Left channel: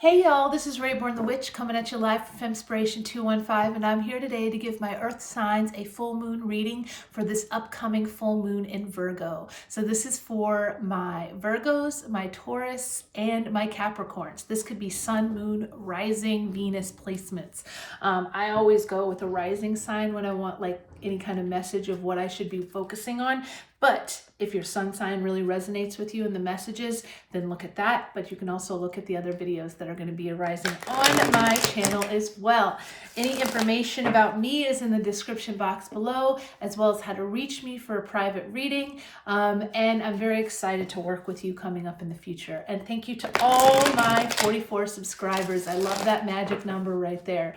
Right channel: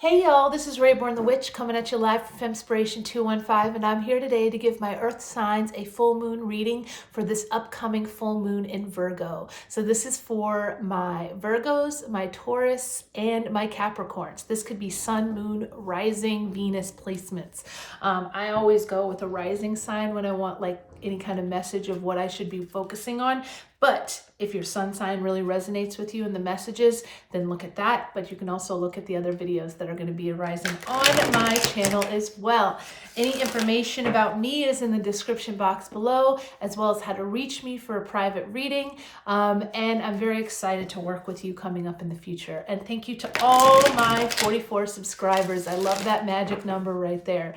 Hey y'all, this is Rayborn the Witch coming at you live from Femspiration 215, and I'm here today to give my earth signs a full moon reading for this upcoming full moon in Virgo. So this is for my Virgos, my Taurus, and my Capricorns. This could be Sun, Moon, Rising, Venus placements. I always go with a rising sign when I want like any kind of message of what I should be focusing on. But if your sun sign really resonates with you in the messages, then look at that. But you can also look at the other videos that are going to be arising on my channel as well. Any information about me is in the description box below, as well as how to reach me for a private reading. And I'm very excited to work with you coming up in the future. And thank you to all my 44 subscribers. I love that magic number right there,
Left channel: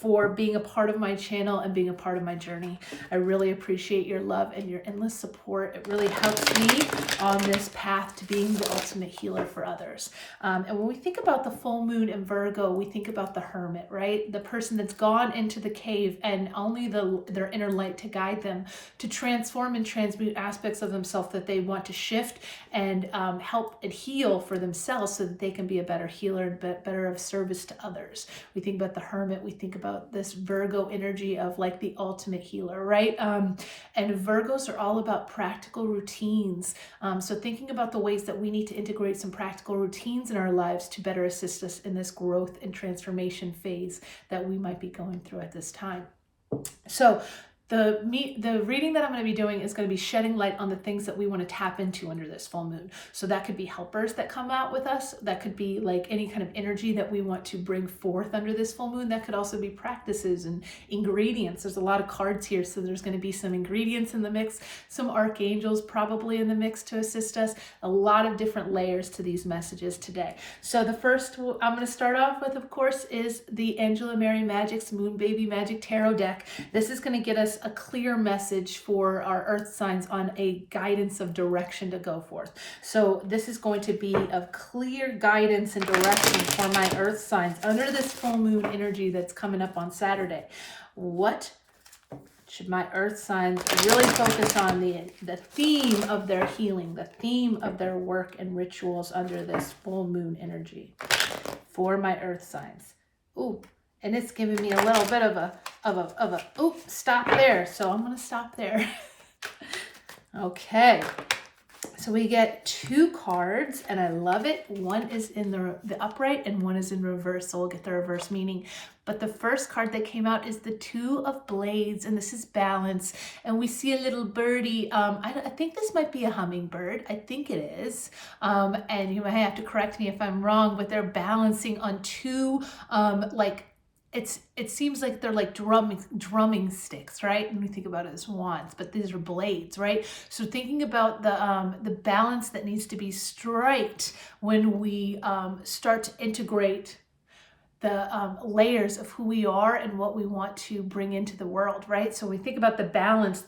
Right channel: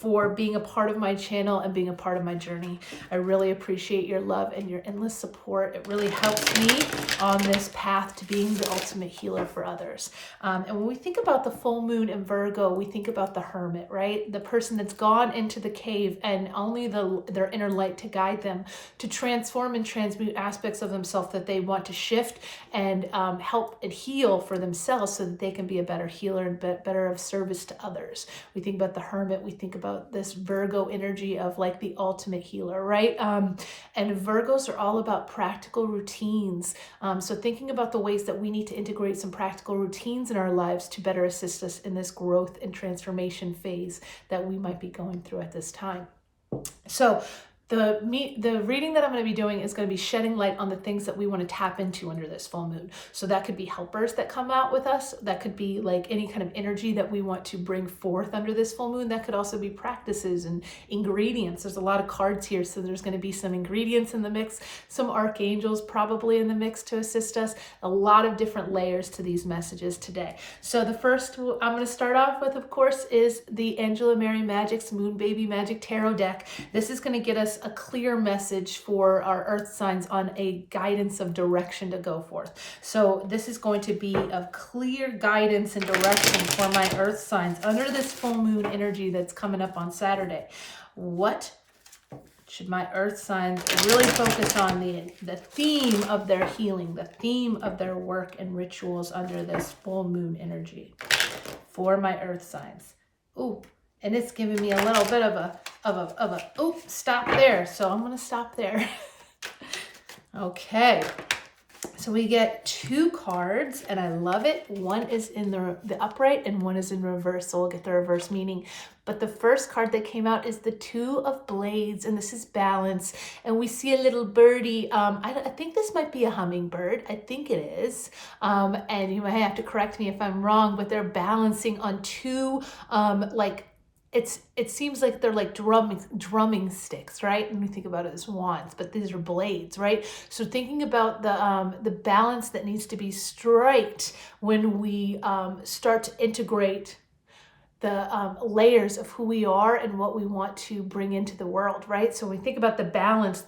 for being a part of my channel and being a part of my journey. I really appreciate your love and your endless support. It really helps me on this path to being the ultimate healer for others. And when we think about the full moon in Virgo, we think about the hermit, right? The person that's gone into the cave and only their inner light to guide them to transform and transmute aspects of themselves that they want to shift and help and heal for themselves so that they can be a better healer and better of service to others. We think about the hermit, we think about this Virgo energy of like the ultimate healer, right? And Virgos are all about practical routines. So thinking about the ways that we need to integrate some practical routines in our lives to better assist us in this growth and transformation phase that we might be going through at this time. So the reading that I'm going to be doing is going to be shedding light on the things that we want to tap into under this full moon. So that could be helpers that come out with us. That could be like any kind of energy that we want to bring forth under this full moon. That could also be practices and ingredients. There's a lot of cards here, so there's going to be some ingredients in the mix, some archangels probably in the mix to assist us. A lot of different layers to these messages today. So the first I'm going to start off with, of course, is the Angela Mary Magic's Moonbbmagicktarot deck. This is going to get us a clear message for our earth signs on a guidance of direction to go forth. So this is going to be a clear guidance and direction for my earth signs under this full moon energy that's coming up on Saturday. What should my earth signs really focus on? The theme of their healing, the theme of their work and rituals under this full moon energy for my earth signs. Ooh. And it's giving me a little bit of a, oh, stop there. So I'm going to stop there. Okay. So we get two cards and I love it. One is in the upright and one is in reverse. So we'll get the reverse meaning. But the first card that came out is the Two of Blades, and this is balance. And we see a little birdie. I think this might be a hummingbird. I think it is. And you might have to correct me if I'm wrong, but they're balancing on two, it seems like they're like drumming sticks, right? And we think about it as wands, but these are blades, right? So thinking about the balance that needs to be striked when we start to integrate the layers of who we are and what we want to bring into the world, right? So we think about the balance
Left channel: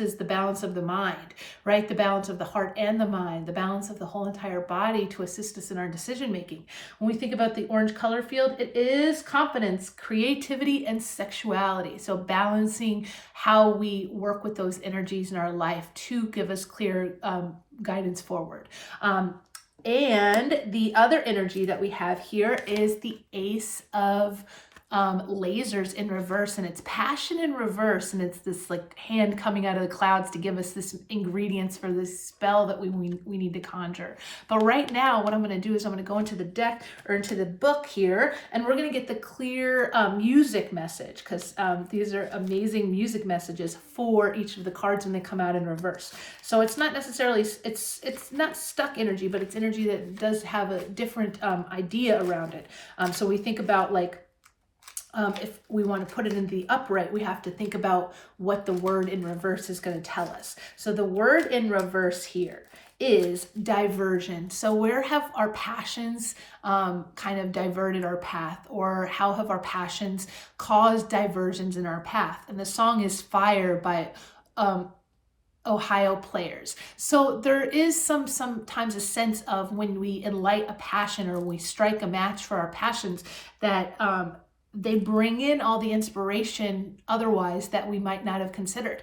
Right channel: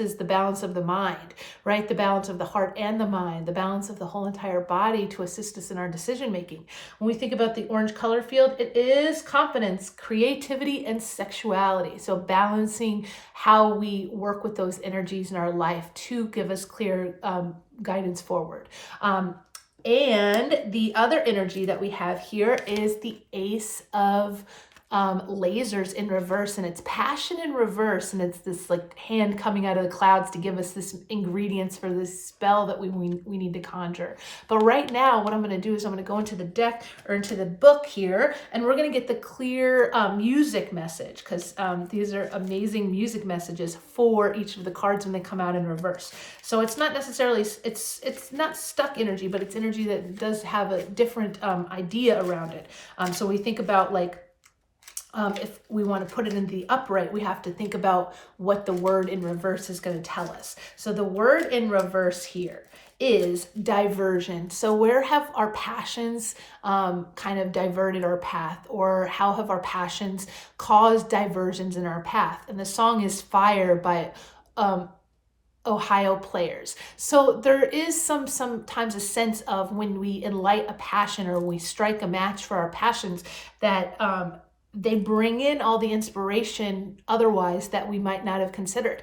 is the balance of the mind, right? The balance of the heart and the mind, the balance of the whole entire body to assist us in our decision making. When we think about the orange color field, it is confidence, creativity, and sexuality. So balancing how we work with those energies in our life to give us clear guidance forward. And the other energy that we have here is the Ace of lasers in reverse, and it's passion in reverse, and it's this like hand coming out of the clouds to give us this ingredients for this spell that we need to conjure. But right now what I'm going to do is I'm going to go into the deck or into the book here, and we're going to get the clear music message, because these are amazing music messages for each of the cards when they come out in reverse. So it's not necessarily, it's not stuck energy, but it's energy that does have a different idea around it. So we think about like, if we want to put it in the upright, we have to think about what the word in reverse is going to tell us. So the word in reverse here is diversion. So where have our passions kind of diverted our path, or how have our passions caused diversions in our path? And the song is Fire by Ohio Players. So there is sometimes a sense of when we enlight a passion or we strike a match for our passions that they bring in all the inspiration otherwise that we might not have considered.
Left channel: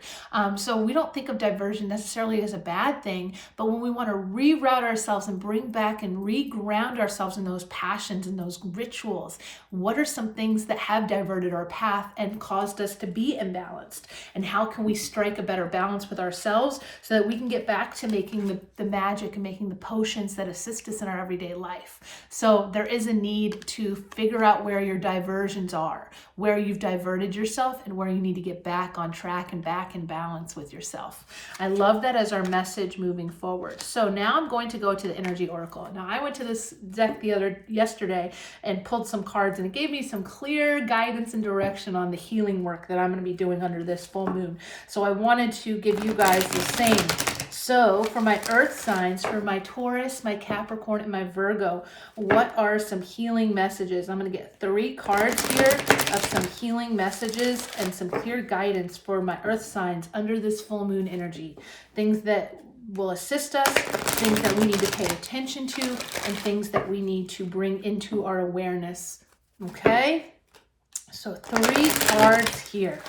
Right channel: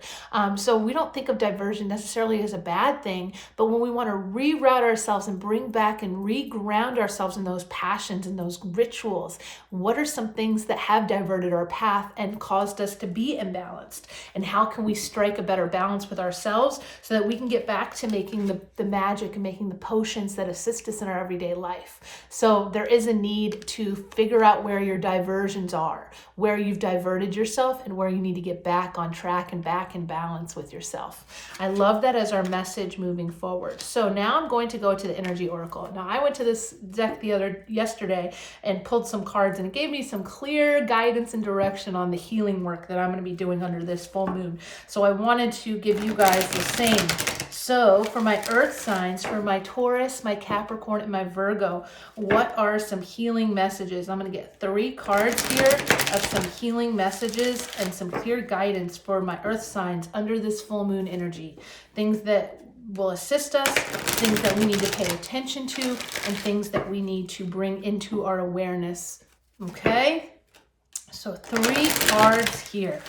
So we don't think of diversion necessarily as a bad thing, but when we want to reroute ourselves and bring back and reground ourselves in those passions and those rituals, what are some things that have diverted our path and caused us to be imbalanced? And how can we strike a better balance with ourselves so that we can get back to making the magic and making the potions that assist us in our everyday life? So there is a need to figure out where your diversions are, where you've diverted yourself, and where you need to get back on track and back in balance with yourself. I love that as our message moving forward. So now I'm going to go to the energy oracle. Now I went to this deck yesterday and pulled some cards, and it gave me some clear guidance and direction on the healing work that I'm going to be doing under this full moon. So I wanted to give you guys the same. So for my earth signs, for my Taurus, my Capricorn, and my Virgo, what are some healing messages? I'm going to get 3 cards here of some healing messages and some clear guidance for my earth signs under this full moon energy. Things that will assist us, things that we need to pay attention to, and things that we need to bring into our awareness. Okay? So 3 cards here.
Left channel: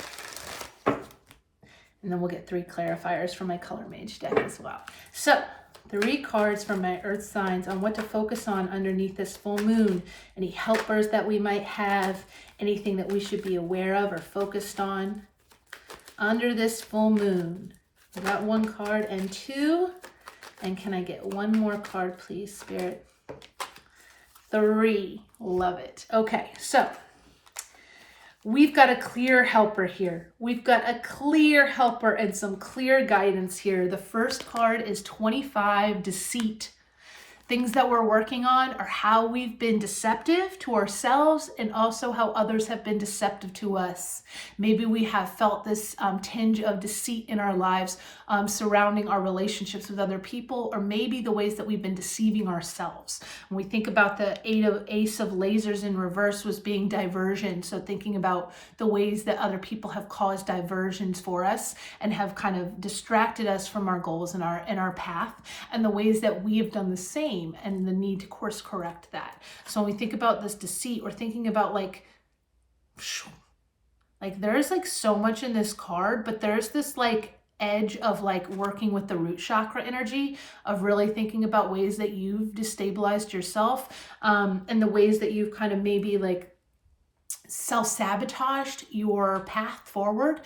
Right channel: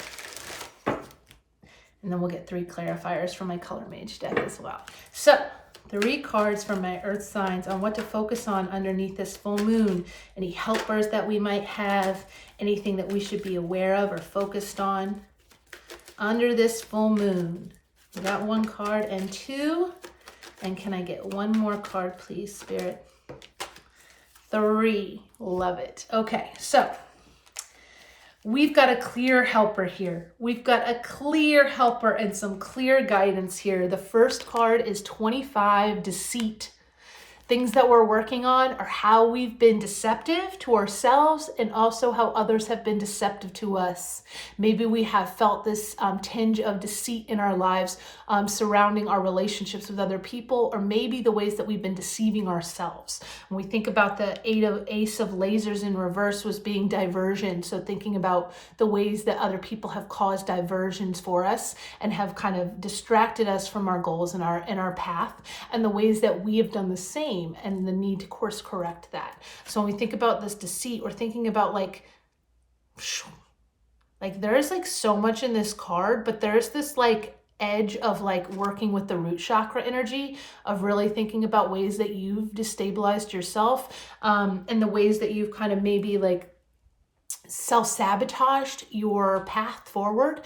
And then we'll get 3 clarifiers from my Color Mage deck as well. So 3 cards from my earth signs on what to focus on underneath this full moon. Any helpers that we might have, anything that we should be aware of or focused on under this full moon. We got 1 card and 2. And can I get 1 more card, please, Spirit? 3. Love it. Okay, so we've got a clear helper here. We've got a clear helper and some clear guidance here. The first card is 25, Deceit. Things that we're working on are how we've been deceptive to ourselves and also how others have been deceptive to us. Maybe we have felt this tinge of deceit in our lives surrounding our relationships with other people, or maybe the ways that we've been deceiving ourselves. When we think about the Ace of Lasers in reverse was being diversion. So thinking about the ways that other people have caused diversions for us and have kind of distracted us from our goals and our path, and the ways that we have done the same, and the need to course correct that. So when we think about this deceit, we're thinking about like there's like so much in this card, but there's this like edge of like working with the root chakra energy of really thinking about ways that you've destabilized yourself, and the ways that you've kind of maybe like self-sabotaged your path forward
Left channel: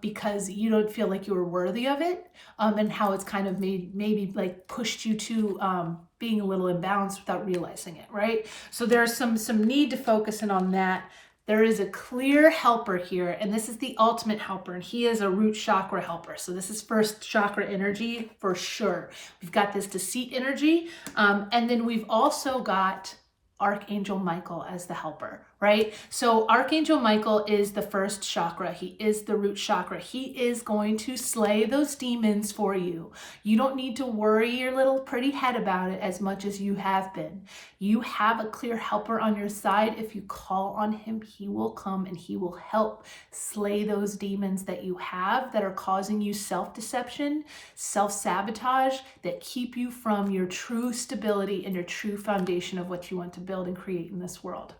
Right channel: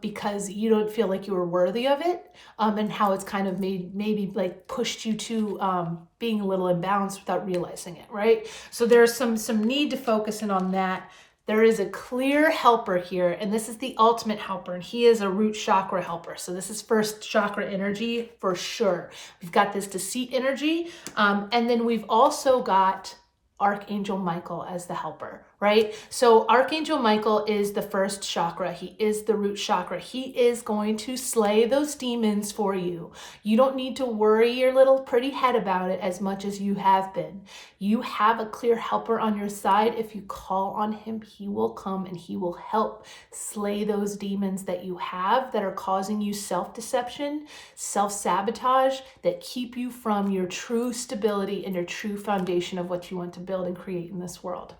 because you don't feel like you were worthy of it, and how it's kind of maybe like pushed you to being a little imbalanced without realizing it, right? So there's some need to focus in on that. There is a clear helper here, and this is the ultimate helper, and he is a root chakra helper. So this is first chakra energy for sure. We've got this deceit energy, and then we've also got Archangel Michael as the helper, right? So Archangel Michael is the first chakra. He is the root chakra. He is going to slay those demons for you. You don't need to worry your little pretty head about it as much as you have been. You have a clear helper on your side. If you call on him, he will come and he will help slay those demons that you have that are causing you self-deception, self-sabotage, that keep you from your true stability and your true foundation of what you want to build and create in this world.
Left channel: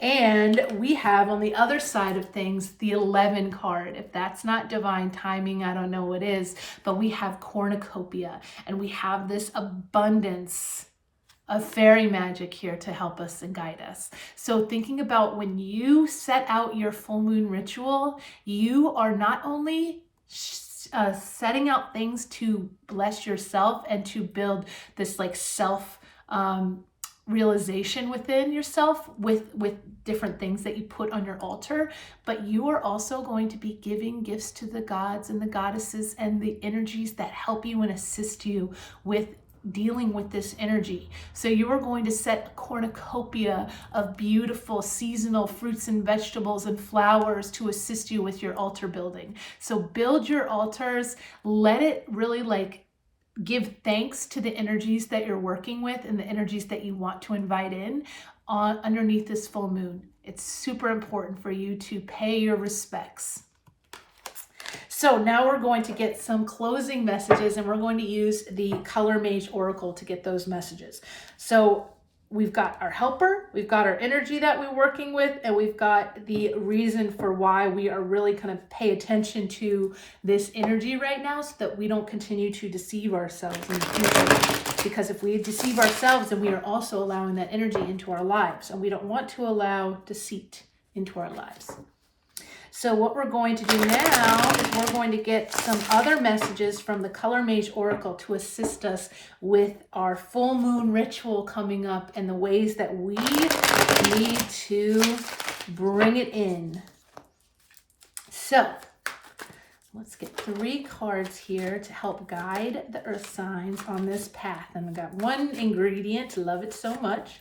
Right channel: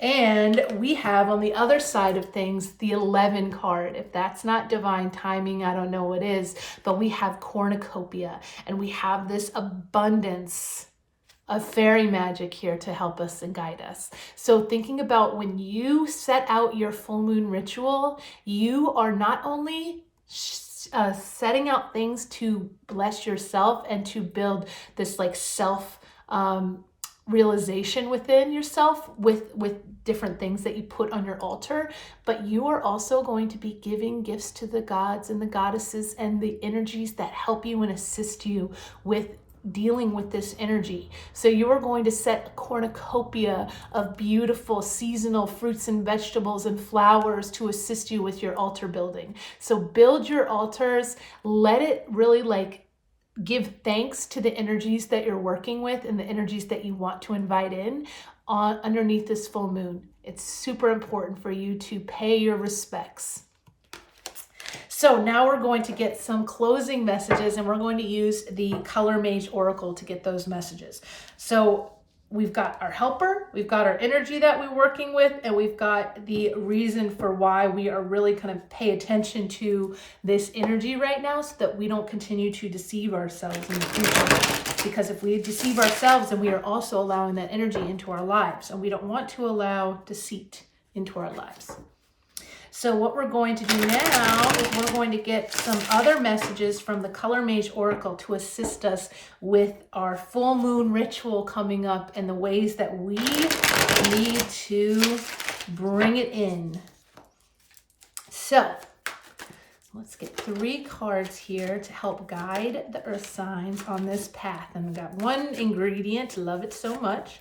And we have on the other side of things, the 11 card. If that's not divine timing, I don't know what is, but we have cornucopia, and we have this abundance of fairy magic here to help us and guide us. So thinking about when you set out your full moon ritual, you are not only setting out things to bless yourself and to build this like self realization within yourself with different things that you put on your altar, but you are also going to be giving gifts to the gods and the goddesses and the energies that help you and assist you with dealing with this energy. So you are going to set a cornucopia of beautiful seasonal fruits and vegetables and flowers to assist you with your altar building. So build your altars, let it really like give thanks to the energies that you're working with and the energies that you want to invite in on underneath this full moon. It's super important for you to pay your respects. So now we're going to get some closing messages, and we're going to use the Color Mage Oracle to get those messages. So we've got our helper, we've got our energy that we're working with, and we've got the reason for why we are really kind of pay attention to this energy right now so that we don't continue to deceive ourselves in the future. Because if we deceive ourselves, then we are also allowing that energy into our lives, and we don't want to allow deceit into our lives. So what we're going to do now is we're going to get some other messages from the Color Mage Oracle to assist us with our full moon ritual coming up and the ways that we need to bring it in. So let's get 3 cards here to help guide the earth signs on this path. And we got 1 ingredient, love it so much.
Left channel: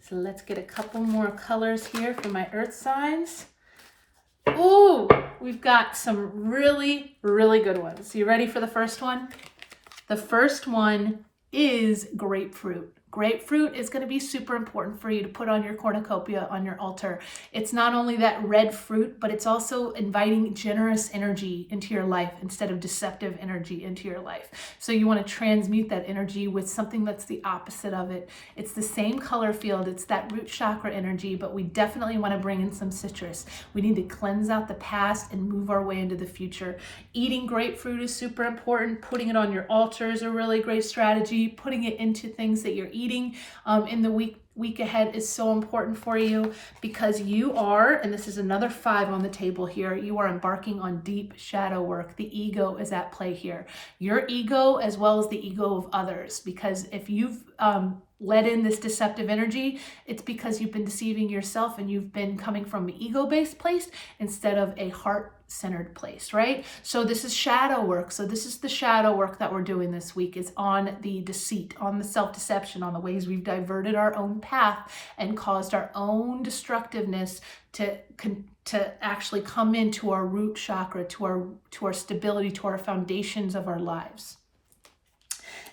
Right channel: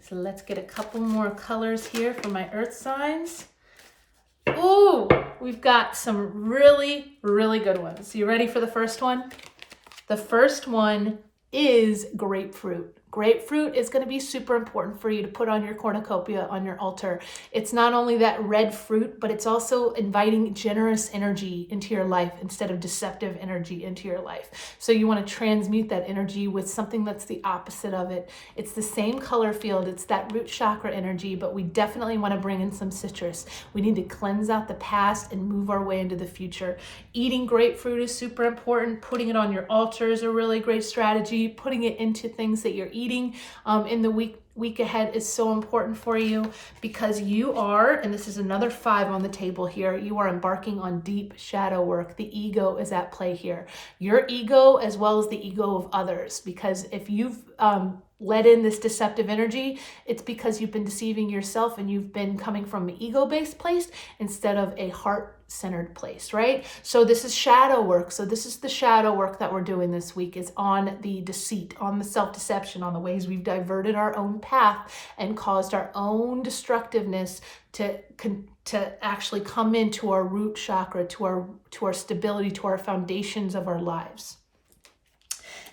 So let's get a couple more colors here for my earth signs. Ooh, we've got some really, really good ones. You ready for the first one? The first one is grapefruit. Grapefruit is going to be super important for you to put on your cornucopia, on your altar. It's not only that red fruit, but it's also inviting generous energy into your life instead of deceptive energy into your life. So you want to transmute that energy with something that's the opposite of it. It's the same color field. It's that root chakra energy, but we definitely want to bring in some citrus. We need to cleanse out the past and move our way into the future. Eating grapefruit is super important. Putting it on your altar is a really great strategy. Putting it into things that you're eating in the week ahead is so important for you, because you are, and this is another 5 on the table here, you are embarking on deep shadow work. The ego is at play here. Your ego as well as the ego of others, because if you've let in this deceptive energy, it's because you've been deceiving yourself and you've been coming from an ego-based place instead of a heart-centered place, right? So this is shadow work. So this is the shadow work that we're doing this week, is on the deceit, on the self-deception, on the ways we've diverted our own path and caused our own destructiveness to actually come into our root chakra, to our stability, to our foundations of our lives.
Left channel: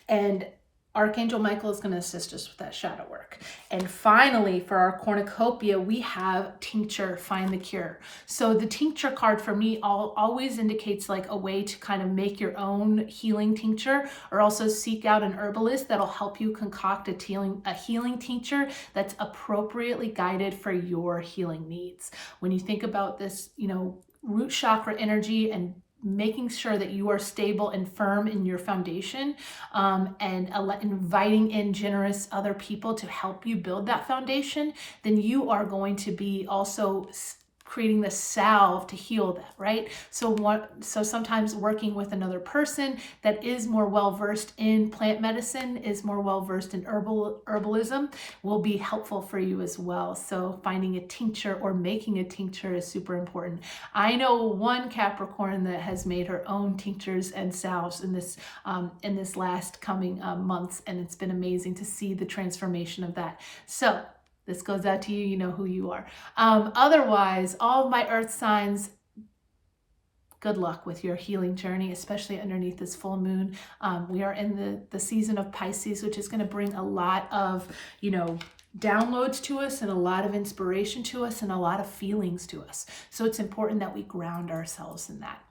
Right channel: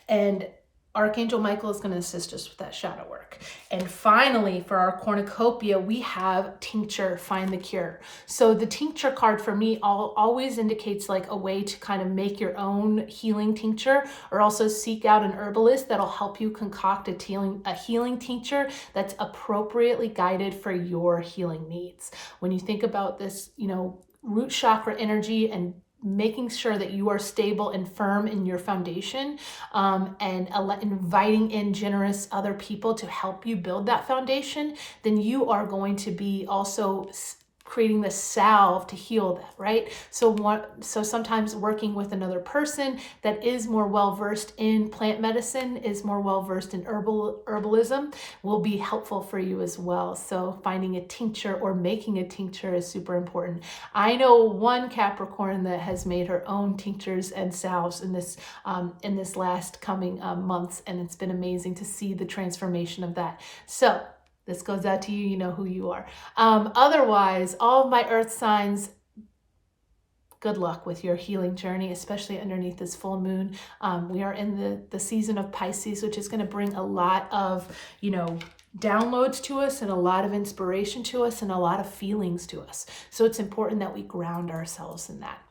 And Archangel Michael is going to assist us with that shadow work. And finally, for our cornucopia, we have tincture, find the cure. So the tincture card for me always indicates like a way to kind of make your own healing tincture, or also seek out an herbalist that'll help you concoct a healing tincture that's appropriately guided for your healing needs. When you think about this, root chakra energy and making sure that you are stable and firm in your foundation, and inviting in generous other people to help you build that foundation, then you are going to be also creating the salve to heal that, right? So sometimes working with another person that is more well-versed in plant medicine, is more well-versed in herbalism, will be helpful for you as well. So finding a tincture or making a tincture is super important. I know one Capricorn that has made her own tinctures and salves in this last coming months, and it's been amazing to see the transformation of that. So this goes out to you, you know who you are. Otherwise, all of my earth signs, good luck with your healing journey, especially underneath this full moon. We are in the season of Pisces, which is going to bring a lot of, downloads to us and a lot of inspiration to us and a lot of feelings to us. So it's important that we ground ourselves in that.